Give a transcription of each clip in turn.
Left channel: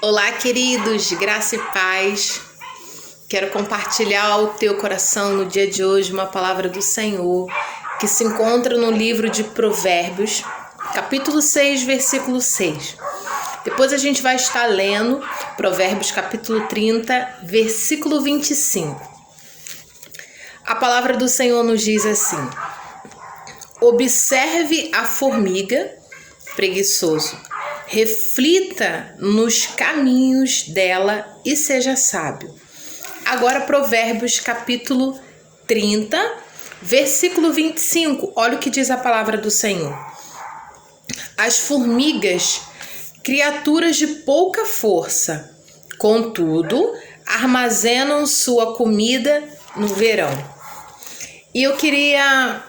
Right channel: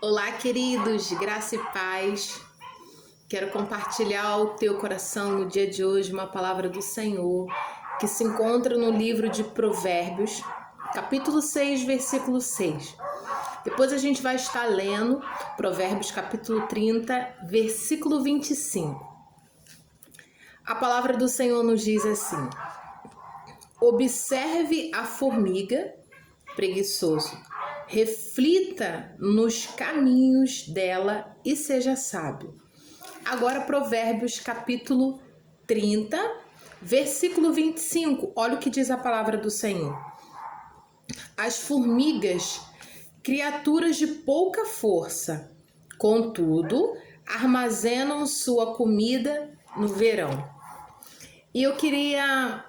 Olá, queridos, graça e paz. Quero compartilhar ao teu coração no dia de hoje uma palavra do Senhor que se encontra no livro de Provérbios, capítulo 6, versículo 6. Depois a gente vai estar lendo Provérbios capítulo 30, versículo 25. A palavra do Senhor nos diz assim: observe a formiga, preguiçoso, reflita nos caminhos dela e seja sábio. Agora Provérbios capítulo 30, versículo 25. Olha o que diz a palavra do Senhor. As formigas, criaturas de pouca força, contudo, armazenam sua comida no verão. E eu queria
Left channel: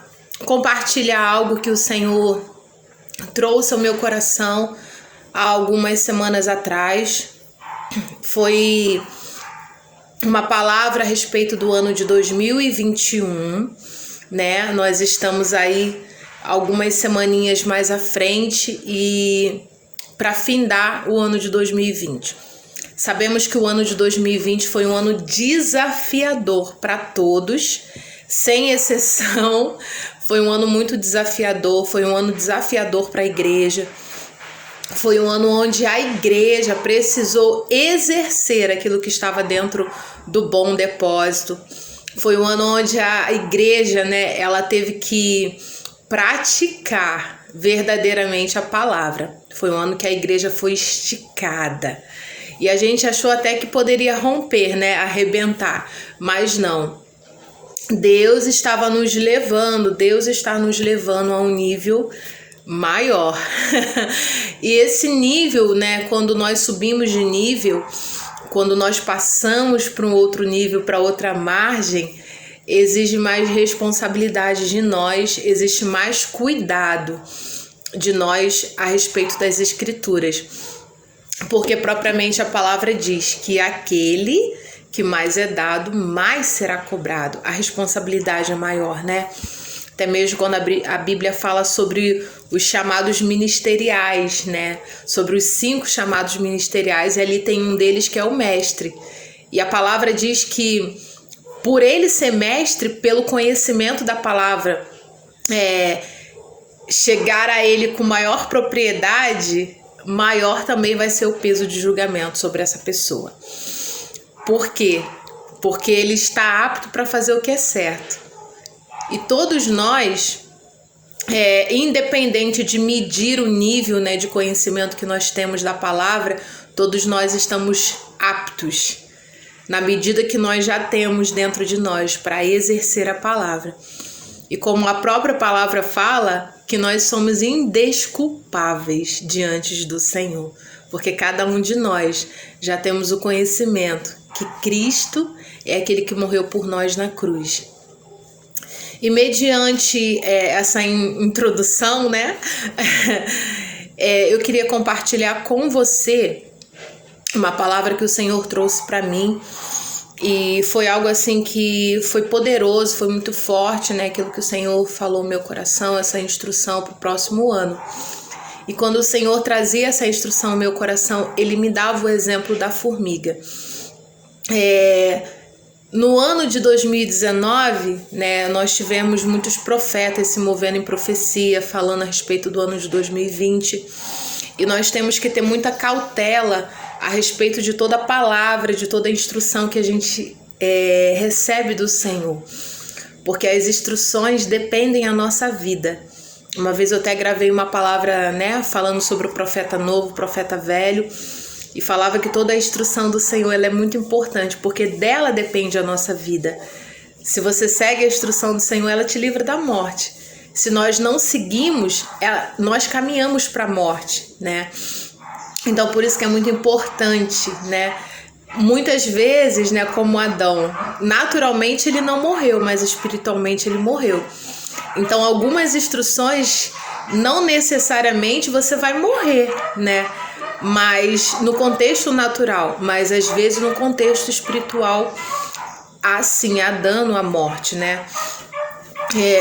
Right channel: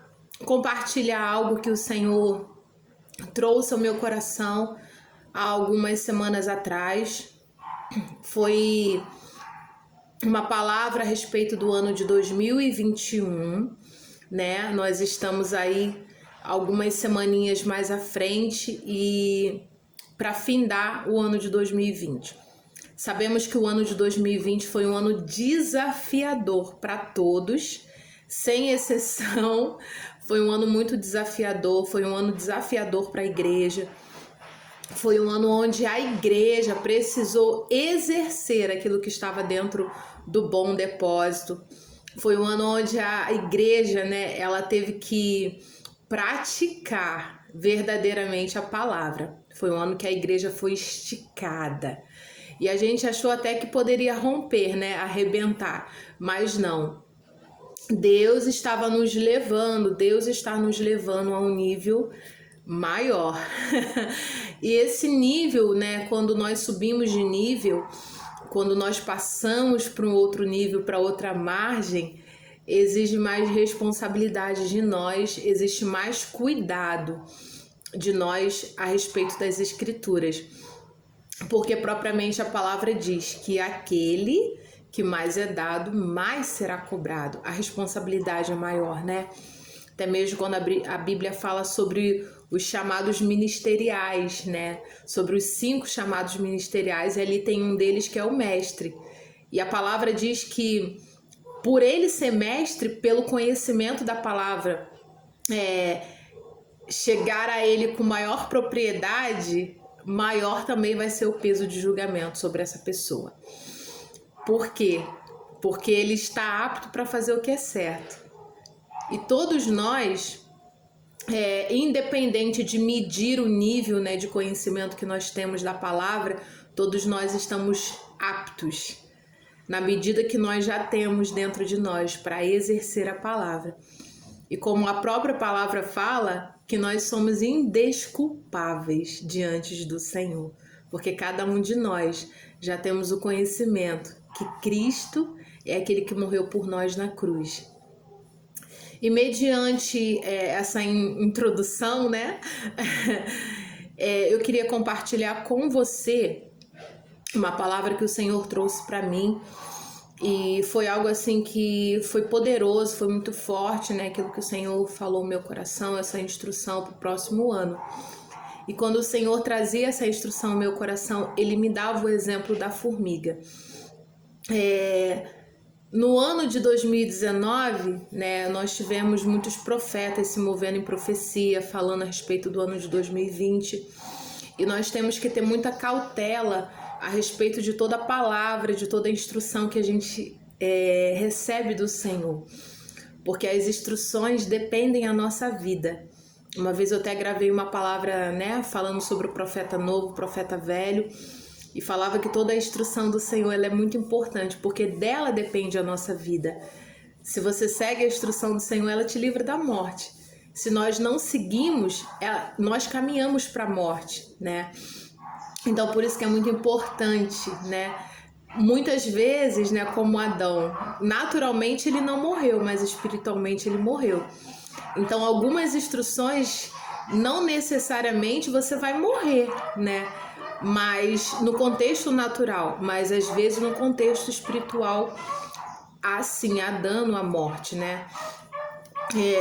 compartilhar algo que o Senhor trouxe ao meu coração há algumas semanas atrás. Foi uma palavra a respeito do ano de 2021, né? Nós estamos aí algumas semaninhas mais à frente e para findar o ano de 2020. Sabemos que o ano de 2020 foi um ano desafiador para todos, sem exceção. Foi um ano muito desafiador, foi um ano desafiador para a igreja. Foi um ano onde a igreja precisou exercer aquilo que estava dentro do bom depósito. Foi um ano onde a igreja, né, ela teve que praticar verdadeiramente a palavra. Foi um ano que a igreja foi esticada. E a gente achou até que poderia romper, né, arrebentar, mas não. Deus estava nos levando, Deus está nos levando a um nível maior. E esse nível, né, quando nós subimos de nível, quando nós passamos para um outro nível, para outra margem, exige mais responsabilidade de nós, existe mais cuidado de nós a respeito das escrituras. Porque propriamente a palavra diz que aquele que mais é dado, mais será cobrado. A responsabilidade é maior, né? Até mesmo quando a Bíblia fala sobre os chamados ministeriais, né? Sobre os 5 chamados ministeriais, e ali tem um deles que é o mestre. E a palavra diz que por ele ser mestre, pelo conhecimento da palavra, chegar a ele com maior propriedade, maior também vai ser o peso de julgamento sobre essa pessoa. Por quê? Porque ele está apto para fazer o que é certo. E todos nós, independente de medir o nível, né, de conhecimento que nós temos da palavra, todos nós estamos aptos, na medida que nós já temos dentro de nós, para exercer a palavra. E como a própria palavra fala, que nós somos indesculpáveis diante do Senhor, porque cada um de nós já temos o conhecimento que Cristo é aquele que morreu por nós na cruz. E mediante essa introdução, né, eu queria compartilhar com você uma palavra que o Senhor trouxe para mim, e foi algo assim que foi poderoso, foi muito forte, né, aquilo que o Senhor falou no meu coração, essa instrução para o próximo ano. E quando o Senhor trazia essa instrução ao meu coração, Ele me dava o exemplo da formiga. No ano de 2019, né, nós tivemos muitos profetas se movendo em profecia, falando a respeito do ano de 2020. E nós temos que ter muita cautela a respeito de toda a palavra, de toda a instrução que a gente recebe do Senhor. Porque as instruções dependem da nossa vida. Uma vez eu até gravei uma palavra, né, falando sobre o profeta novo, o profeta velho, e falava que toda a instrução do Senhor ela é muito importante, porque dela depende a nossa vida. Se você segue a instrução do Senhor, ela te livra da morte. Se nós não seguimos, nós caminhamos para a morte, né? Então, por isso que é muito importante, né? Muitas vezes, né, como Adão, naturalmente ele não morreu, mas espiritualmente ele morreu. Então, algumas instruções, não necessariamente você vai morrer, né? Mas no contexto natural, mas às vezes no contexto espiritual, assim, há dano à morte, né?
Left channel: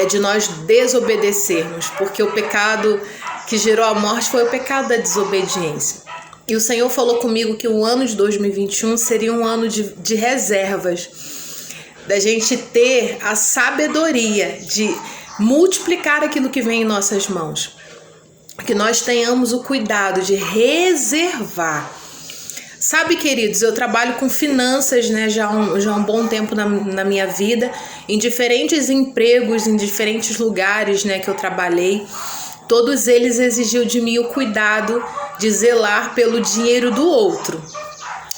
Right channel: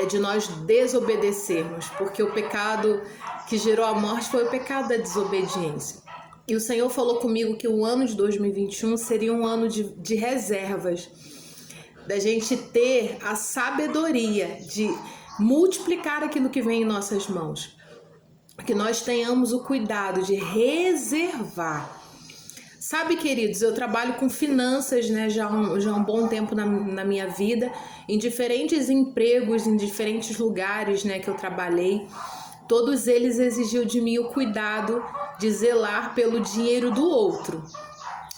De nós desobedecermos, porque o pecado que gerou a morte foi o pecado da desobediência. E o Senhor falou comigo que o ano de 2021 seria um ano de reservas, da gente ter a sabedoria de multiplicar aquilo que vem em nossas mãos. Que nós tenhamos o cuidado de reservar. Sabe, queridos, eu trabalho com finanças, né, já há um bom tempo na minha vida, em diferentes empregos, em diferentes lugares, né, que eu trabalhei. Todos eles exigiam de mim o cuidado de zelar pelo dinheiro do outro,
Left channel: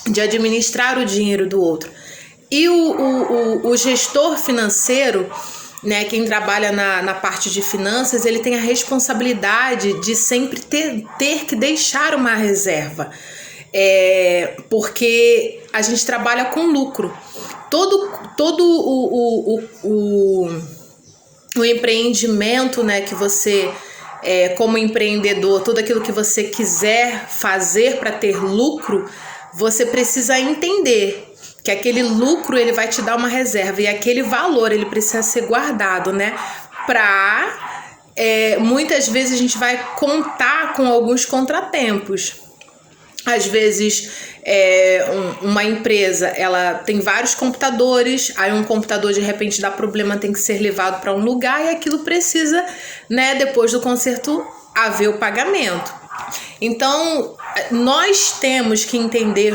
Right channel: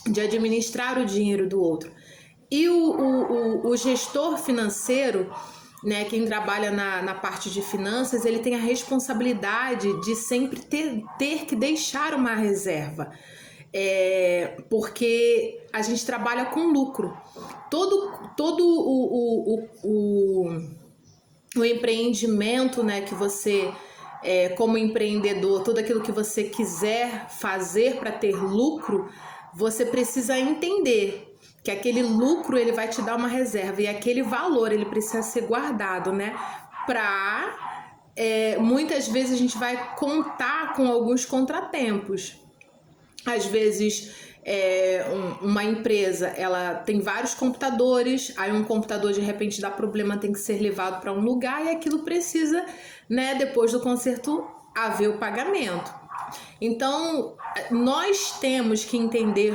de administrar o dinheiro do outro. E o gestor financeiro, né, quem trabalha na parte de finanças, ele tem a responsabilidade de sempre ter que deixar uma reserva. Porque a gente trabalha com lucro. Todo o empreendimento, né, que você, como empreendedor, tudo aquilo que você quiser fazer para ter lucro, você precisa entender que aquele lucro ele vai te dar uma reserva e aquele valor ele precisa ser guardado, né? Muitas vezes a gente vai contar com alguns contratempos. Às vezes uma empresa ela tem vários computadores, aí um computador de repente dá problema, tem que ser levado para um lugar e aquilo precisa, né, depois do conserto haver o pagamento. Então nós temos que entender,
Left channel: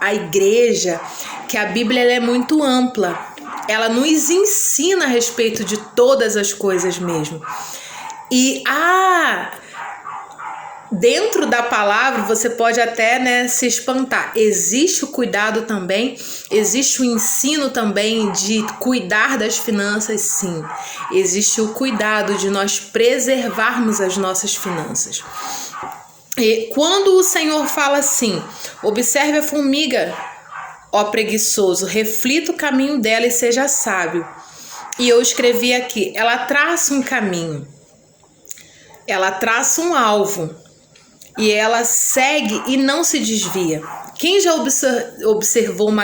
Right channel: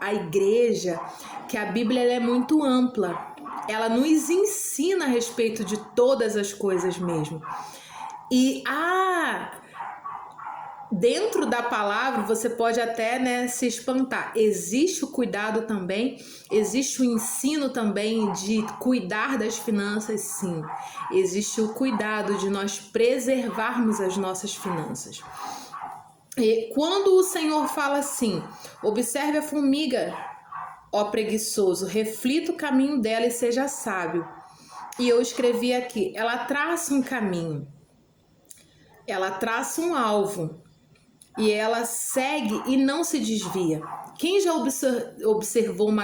a igreja, que a Bíblia ela é muito ampla, ela nos ensina a respeito de todas as coisas mesmo. E dentro da palavra você pode até, né, se espantar. Existe o cuidado também, existe o ensino também de cuidar das finanças, sim. Existe o cuidado de nós preservarmos as nossas finanças. E quando o Senhor fala assim, observe a formiga, ó preguiçoso, reflita o caminho dela e seja sábio. E eu escrevi aqui, ela traça um caminho, ela traça um alvo, e ela segue e não se desvia. Quem já observou um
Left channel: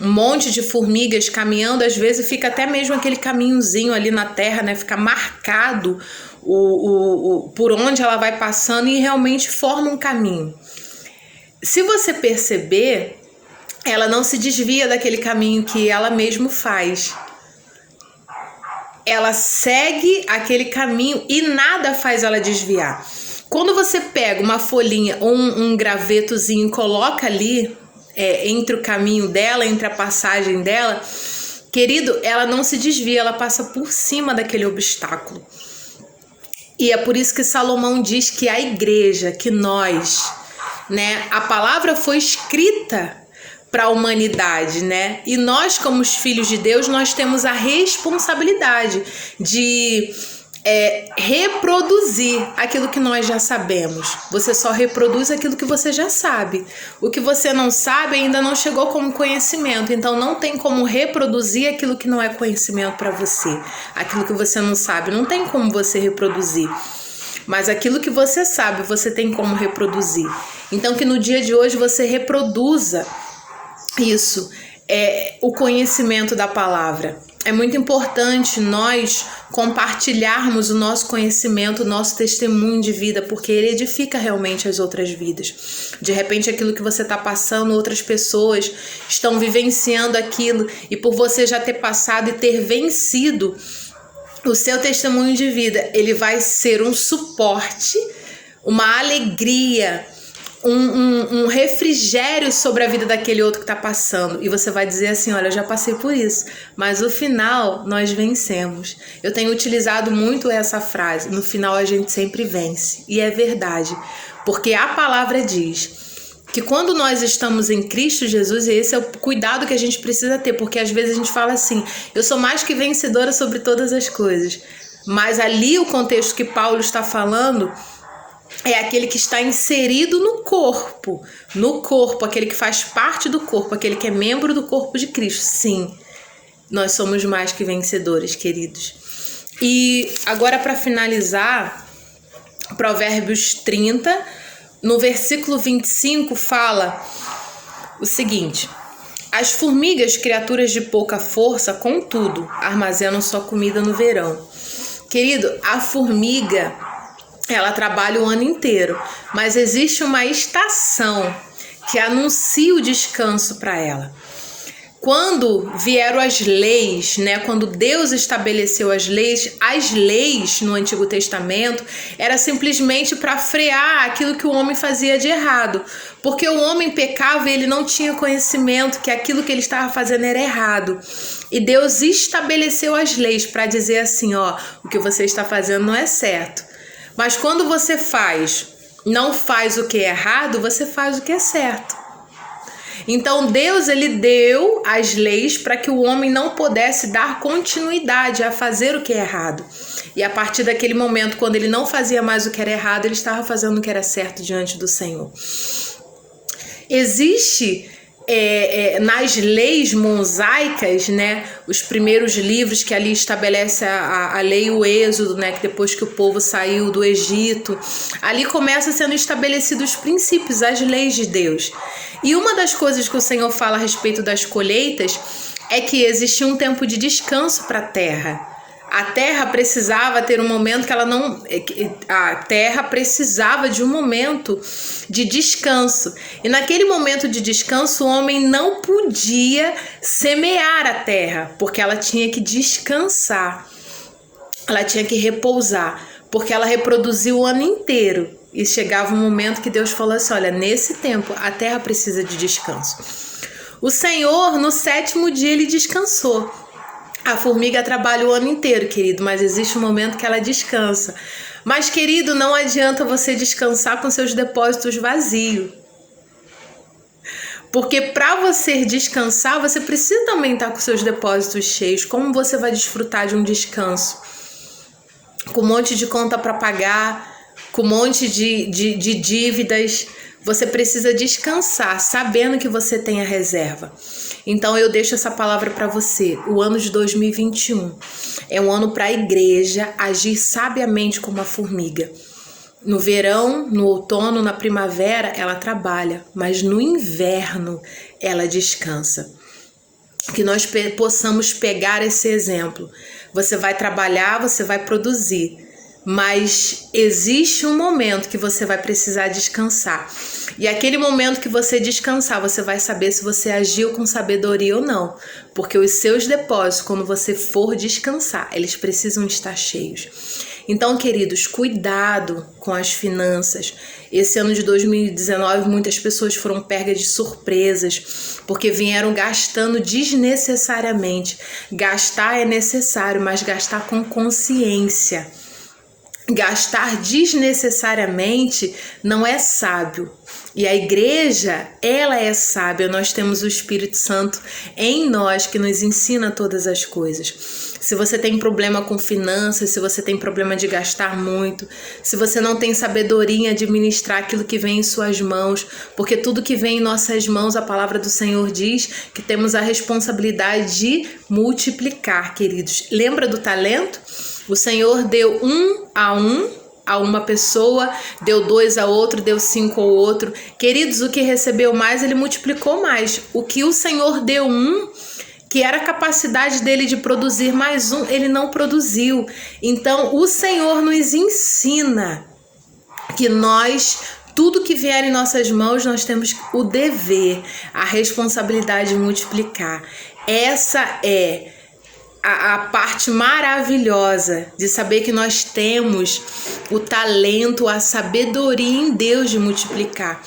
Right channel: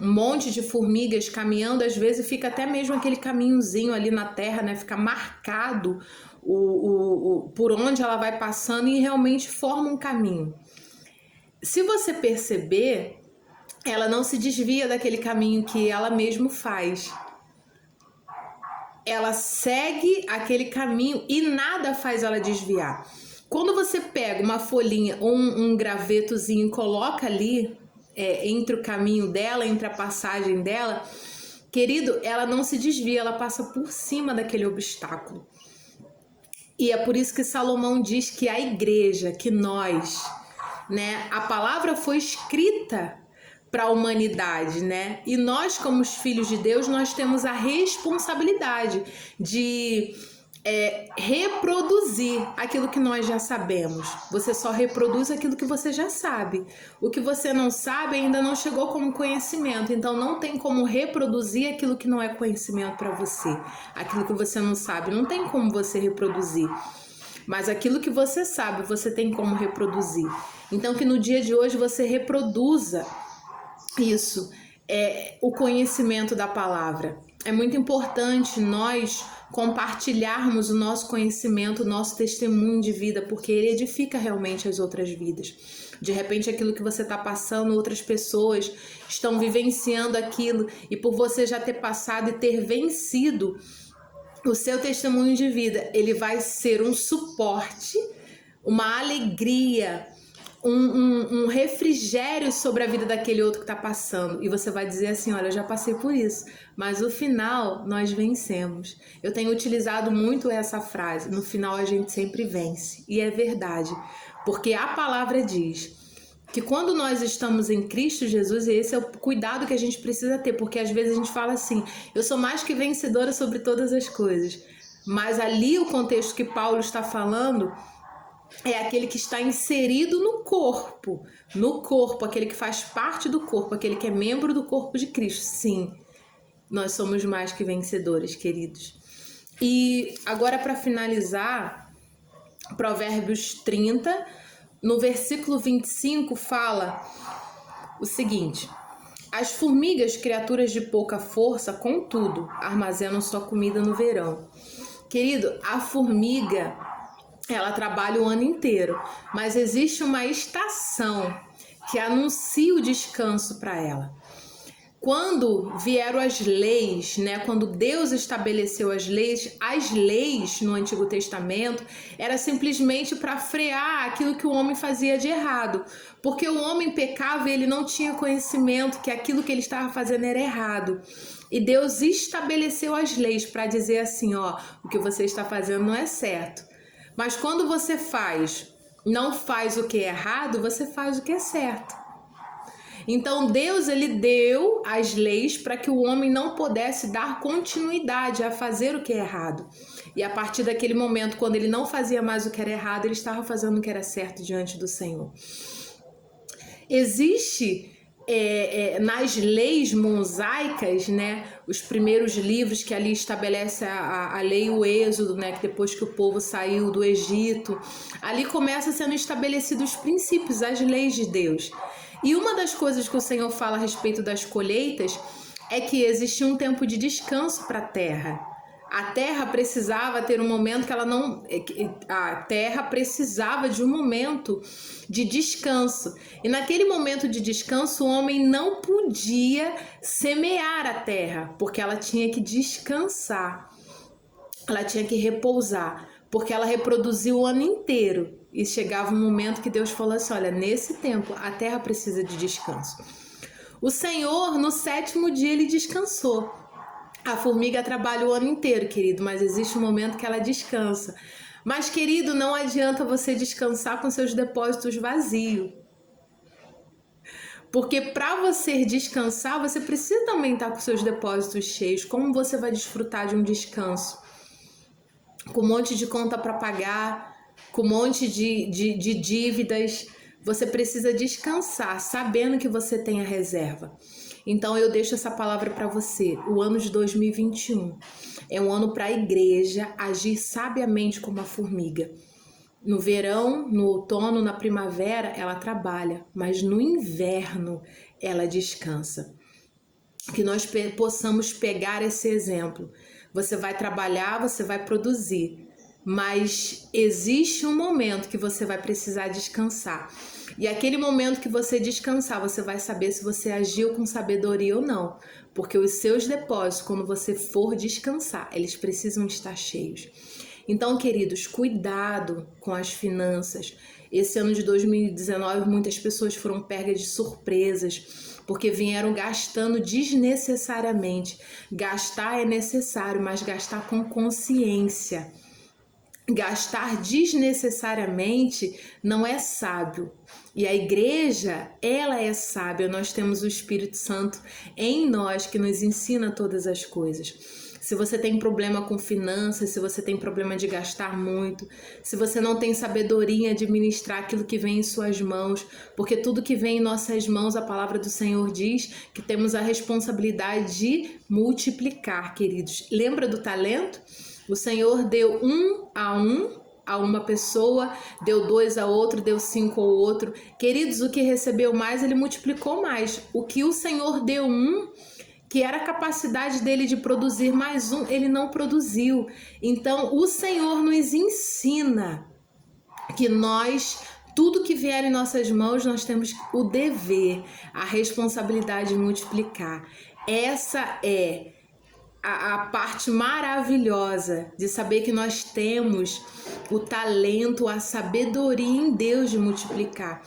monte de formigas caminhando, às vezes fica até mesmo aquele caminhozinho ali na terra, né? Fica marcado por onde ela vai passando e realmente forma um caminho. Se você perceber, ela não se desvia daquele caminho que ela mesma faz. Ela segue aquele caminho e nada faz ela desviar. Quando você pega uma folhinha ou um gravetozinho e coloca ali entre o caminho dela, entre a passagem dela, querido, ela não se desvia, ela passa por cima daquele obstáculo. E é por isso que Salomão diz que a igreja, que nós, né, a palavra foi escrita para a humanidade, né? E nós, como os filhos de Deus, nós temos a responsabilidade de reproduzir aquilo que nós já sabemos. Você só reproduz aquilo que você já sabe. O que você não sabe ainda não chegou como conhecimento, então não tem como reproduzir aquilo que não é conhecimento para você. Aquilo que você não sabe, não tem como você reproduzir. Mas aquilo que você sabe, você tem como reproduzir. Então que no dia de hoje você reproduza isso, o conhecimento da palavra. É muito importante nós compartilharmos o nosso conhecimento, o nosso testemunho de vida, porque ele edifica realmente as outras vidas. De repente, aquilo que você está passando, outras pessoas estão vivenciando aquilo, e por você já ter passado e ter vencido, o seu testemunho de vida, ele vai ser um suporte, uma alegria, um refrigério sobre a vida daquele outro que está passando. E você vai dizer assim, olha, eu já passei por isso, mas no final nós vencemos. Eu tenho utilizado muito essa frase, no final a gente sempre vence. E é verdade, porque a palavra diz que quando nós estamos em Cristo Jesus, e esse é o cuidado que a gente precisa ter, porque às vezes a gente fala assim, eu sou mais que vencedora sobre todas as coisas. Mas ali o contexto que Paulo está falando é aquele que está inserido no corpo, aquele que faz parte do corpo, aquele que é membro do corpo de Cristo. Sim, nós somos mais que vencedores, queridos. E agora, para finalizar, Provérbios 30, no versículo 25, fala o seguinte: as formigas, criaturas de pouca força, contudo, armazenam sua comida no verão. Querido, a formiga, ela trabalha o ano inteiro, mas existe uma estação que anuncia o descanso para ela. Quando vieram as leis, né? Quando Deus estabeleceu as leis no Antigo Testamento era simplesmente para frear aquilo que o homem fazia de errado, porque o homem pecava e ele não tinha conhecimento que aquilo que ele estava fazendo era errado. E Deus estabeleceu as leis para dizer assim, ó, o que você está fazendo não é certo. Mas quando você não faz o que é errado, você faz o que é certo. Então Deus, ele deu as leis para que o homem não pudesse dar continuidade a fazer o que é errado. E a partir daquele momento, quando ele não fazia mais o que era errado, ele estava fazendo o que era certo diante do Senhor. Existe nas leis mosaicas, né, os primeiros livros que ali estabelece a lei, o Êxodo, né, que depois que o povo saiu do Egito, ali começa sendo estabelecidos os princípios, as leis de Deus. E uma das coisas que o Senhor fala a respeito das colheitas é que existia um tempo de descanso para a terra. A terra precisava ter um momento que ela não... A terra precisava de um momento de descanso. E naquele momento de descanso, o homem não podia semear a terra, porque ela tinha que descansar. Ela tinha que repousar, porque ela reproduziu o ano inteiro. E chegava um momento que Deus falou assim, olha, nesse tempo a terra precisa de descanso. O Senhor, no 7º dia, ele descansou. A formiga trabalha o ano inteiro, querido, mas existe um momento que ela descansa. Mas, querido, não adianta você descansar com seus depósitos vazios. Porque para você descansar, você precisa também estar com seus depósitos cheios. Como você vai desfrutar de um descanso? Com um monte de conta para pagar, com um monte de dívidas. Você precisa descansar, sabendo que você tem a reserva. Então eu deixo essa palavra para você. O ano de 2021 é um ano para a igreja agir sabiamente como a formiga. No verão, no outono, na primavera, ela trabalha, mas no inverno ela descansa. Que nós possamos pegar esse exemplo. Você vai trabalhar, você vai produzir, mas existe um momento que você vai precisar descansar. E aquele momento que você descansar, você vai saber se você agiu com sabedoria ou não. Porque os seus depósitos, quando você for descansar, eles precisam estar cheios. Então, queridos, cuidado com as finanças. Esse ano de 2019, muitas pessoas foram pegas de surpresas, porque vieram gastando desnecessariamente. Gastar é necessário, mas gastar com consciência. Gastar desnecessariamente não é sábio. E a igreja, ela é sábia. Nós temos o Espírito Santo em nós que nos ensina todas as coisas. Se você tem problema com finanças, se você tem problema de gastar muito, se você não tem sabedoria em administrar aquilo que vem em suas mãos, porque tudo que vem em nossas mãos, a palavra do Senhor diz que temos a responsabilidade de multiplicar, queridos. Lembra do talento? O Senhor deu 1 a uma pessoa, deu 2 a outro, deu 5 ao outro. Queridos, o que recebeu mais, ele multiplicou mais. O que o Senhor deu que era a capacidade dele de produzir mais ele não produziu. Então, o Senhor nos ensina que tudo que vier em nossas mãos, nós temos o dever, a responsabilidade de multiplicar. Essa é a parte maravilhosa de saber que nós temos o talento, a sabedoria em Deus de multiplicar.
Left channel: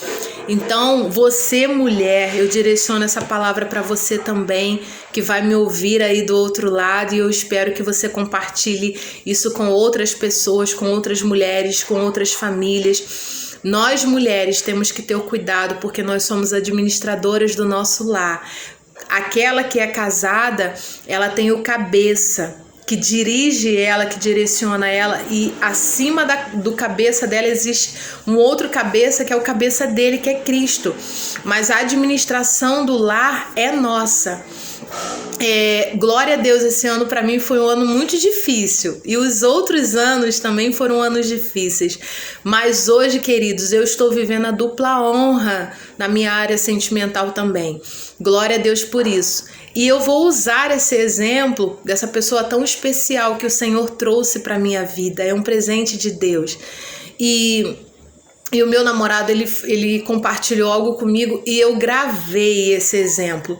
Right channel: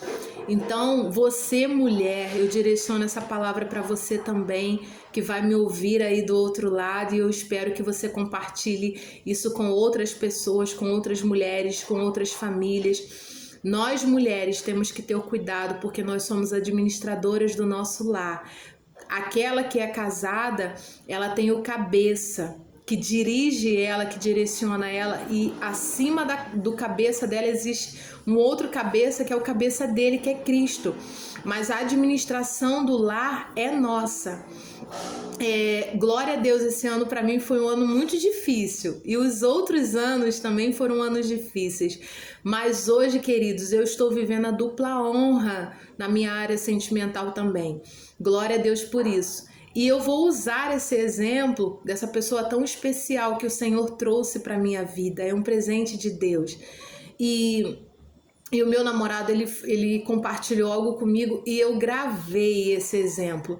Então, você, mulher, eu direciono essa palavra para você também, que vai me ouvir aí do outro lado, e eu espero que você compartilhe isso com outras pessoas, com outras mulheres, com outras famílias. Nós, mulheres, temos que ter o cuidado, porque nós somos administradoras do nosso lar. Aquela que é casada, ela tem o cabeça, que dirige ela, que direciona ela, e acima do cabeça dela existe um outro cabeça, que é o cabeça dele, que é Cristo. Mas a administração do lar é nossa. Glória a Deus, esse ano para mim foi um ano muito difícil, e os outros anos também foram anos difíceis, mas hoje, queridos, eu estou vivendo a dupla honra na minha área sentimental também. Glória a Deus por isso. E eu vou usar esse exemplo dessa pessoa tão especial que o Senhor trouxe para minha vida. É um presente de Deus. E o meu namorado, ele compartilhou algo comigo e eu gravei esse exemplo.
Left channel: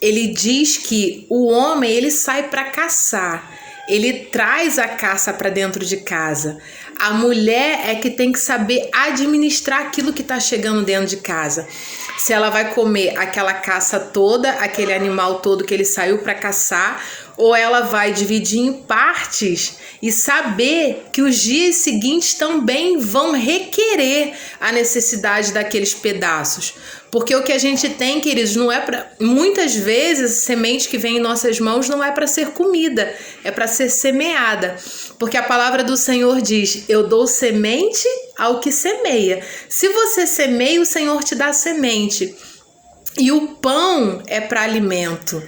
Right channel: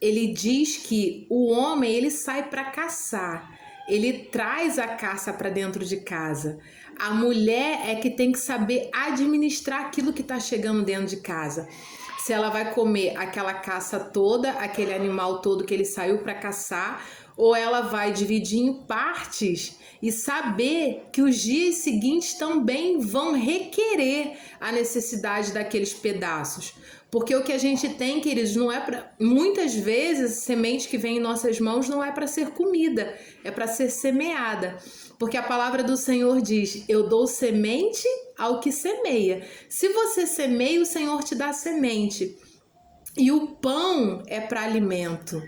Ele diz que o homem, ele sai para caçar, ele traz a caça para dentro de casa. A mulher é que tem que saber administrar aquilo que está chegando dentro de casa. Se ela vai comer aquela caça toda, aquele animal todo que ele saiu para caçar, ou ela vai dividir em partes e saber que os dias seguintes também vão requerer a necessidade daqueles pedaços. Porque o que a gente tem, queridos, não é para... Muitas vezes, a semente que vem em nossas mãos não é para ser comida, é para ser semeada. Porque a palavra do Senhor diz, eu dou semente ao que semeia. Se você semeia, o Senhor te dá semente. E o pão é para alimento.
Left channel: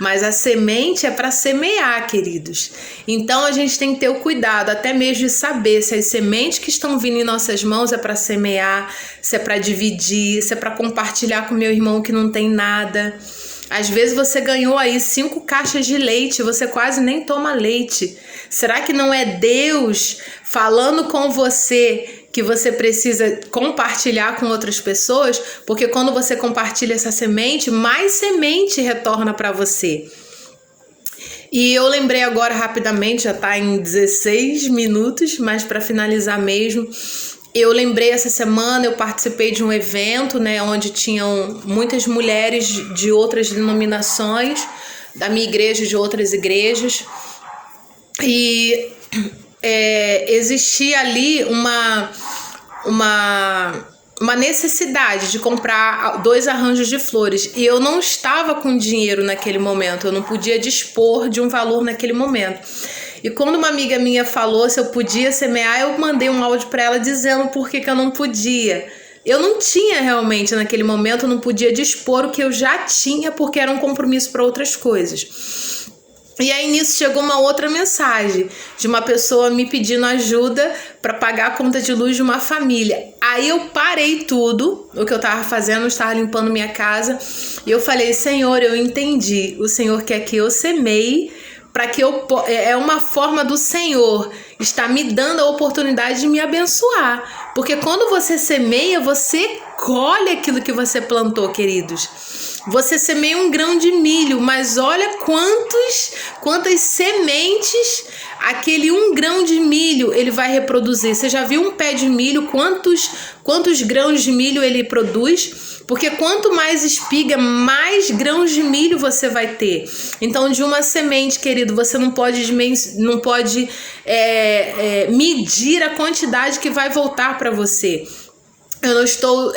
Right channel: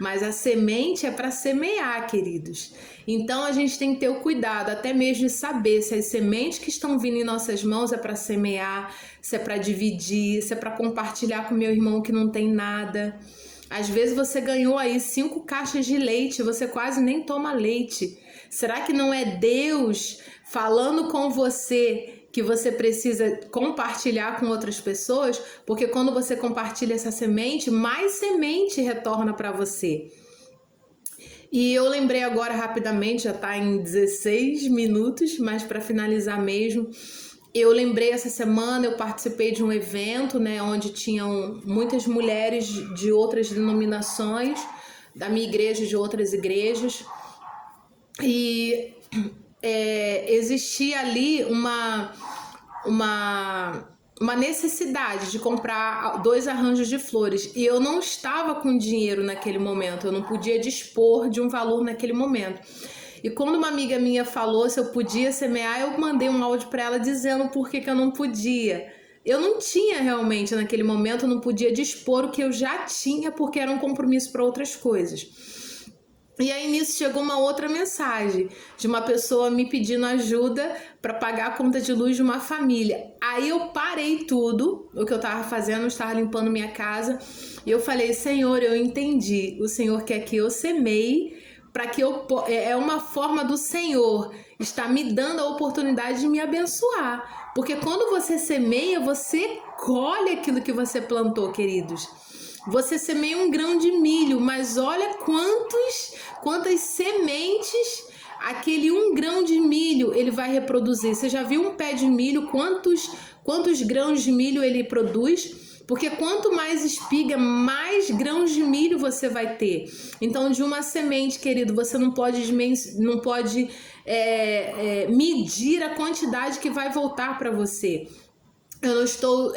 Mas a semente é para semear, queridos. Então a gente tem que ter o cuidado, até mesmo de saber se as sementes que estão vindo em nossas mãos é para semear, se é para dividir, se é para compartilhar com meu irmão que não tem nada. Às vezes você ganhou aí 5 caixas de leite, você quase nem toma leite. Será que não é Deus falando com você que você precisa compartilhar com outras pessoas? Porque quando você compartilha essa semente, mais semente retorna para você. E eu lembrei agora rapidamente, já está em 16 minutos, mas para finalizar mesmo, eu lembrei essa semana, eu participei de um evento, né, onde tinham muitas mulheres de outras denominações, da minha igreja e de outras igrejas, e existia ali uma necessidade de comprar 2 arranjos de flores e eu não estava com dinheiro naquele momento, eu não podia dispor de um valor naquele momento. E quando uma amiga minha falou se eu podia semear, eu mandei um áudio para ela dizendo por que eu não podia. Eu não tinha realmente naquele momento, eu não podia dispor o que eu já tinha porque era um compromisso para outras coisas. E aí nisso chegou uma outra mensagem de uma pessoa me pedindo ajuda para pagar a conta de luz de uma família. Aí eu parei tudo, o que eu estava fazendo, eu estava limpando minha casa, e eu falei, Senhor, eu entendi, o Senhor quer que eu semeie, para que é uma forma do Senhor estar me dando a oportunidade de me abençoar. Porque quando você semeia, você colhe aquilo que você plantou, queridos. Você semeia um grão de milho, mas olha quantas sementes aquele 1 grão de milho ele vai reproduzir. Você já viu um pé de milho, quantos grãos de milho ele produz? Porque quanto mais espiga, mais grãos de milho você vai ter. Então, de uma semente, querido, você não pode medir a quantidade que vai voltar para você. Eu não estou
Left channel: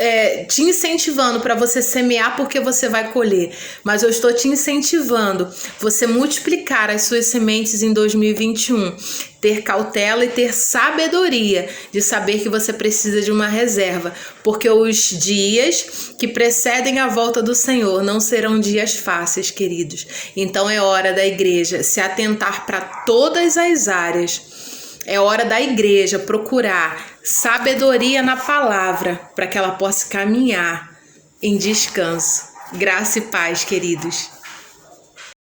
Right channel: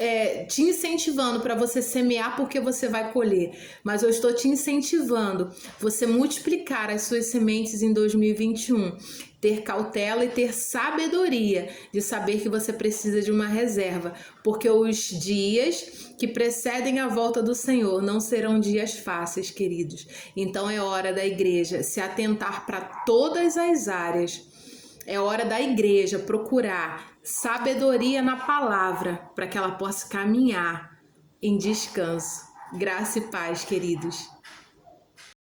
te incentivando para você semear porque você vai colher, mas eu estou te incentivando você multiplicar as suas sementes em 2021, ter cautela e ter sabedoria de saber que você precisa de uma reserva, porque os dias que precedem a volta do Senhor não serão dias fáceis, queridos. Então é hora da igreja se atentar para todas as áreas. É hora da igreja procurar sabedoria na palavra para que ela possa caminhar em descanso. Graça e paz, queridos.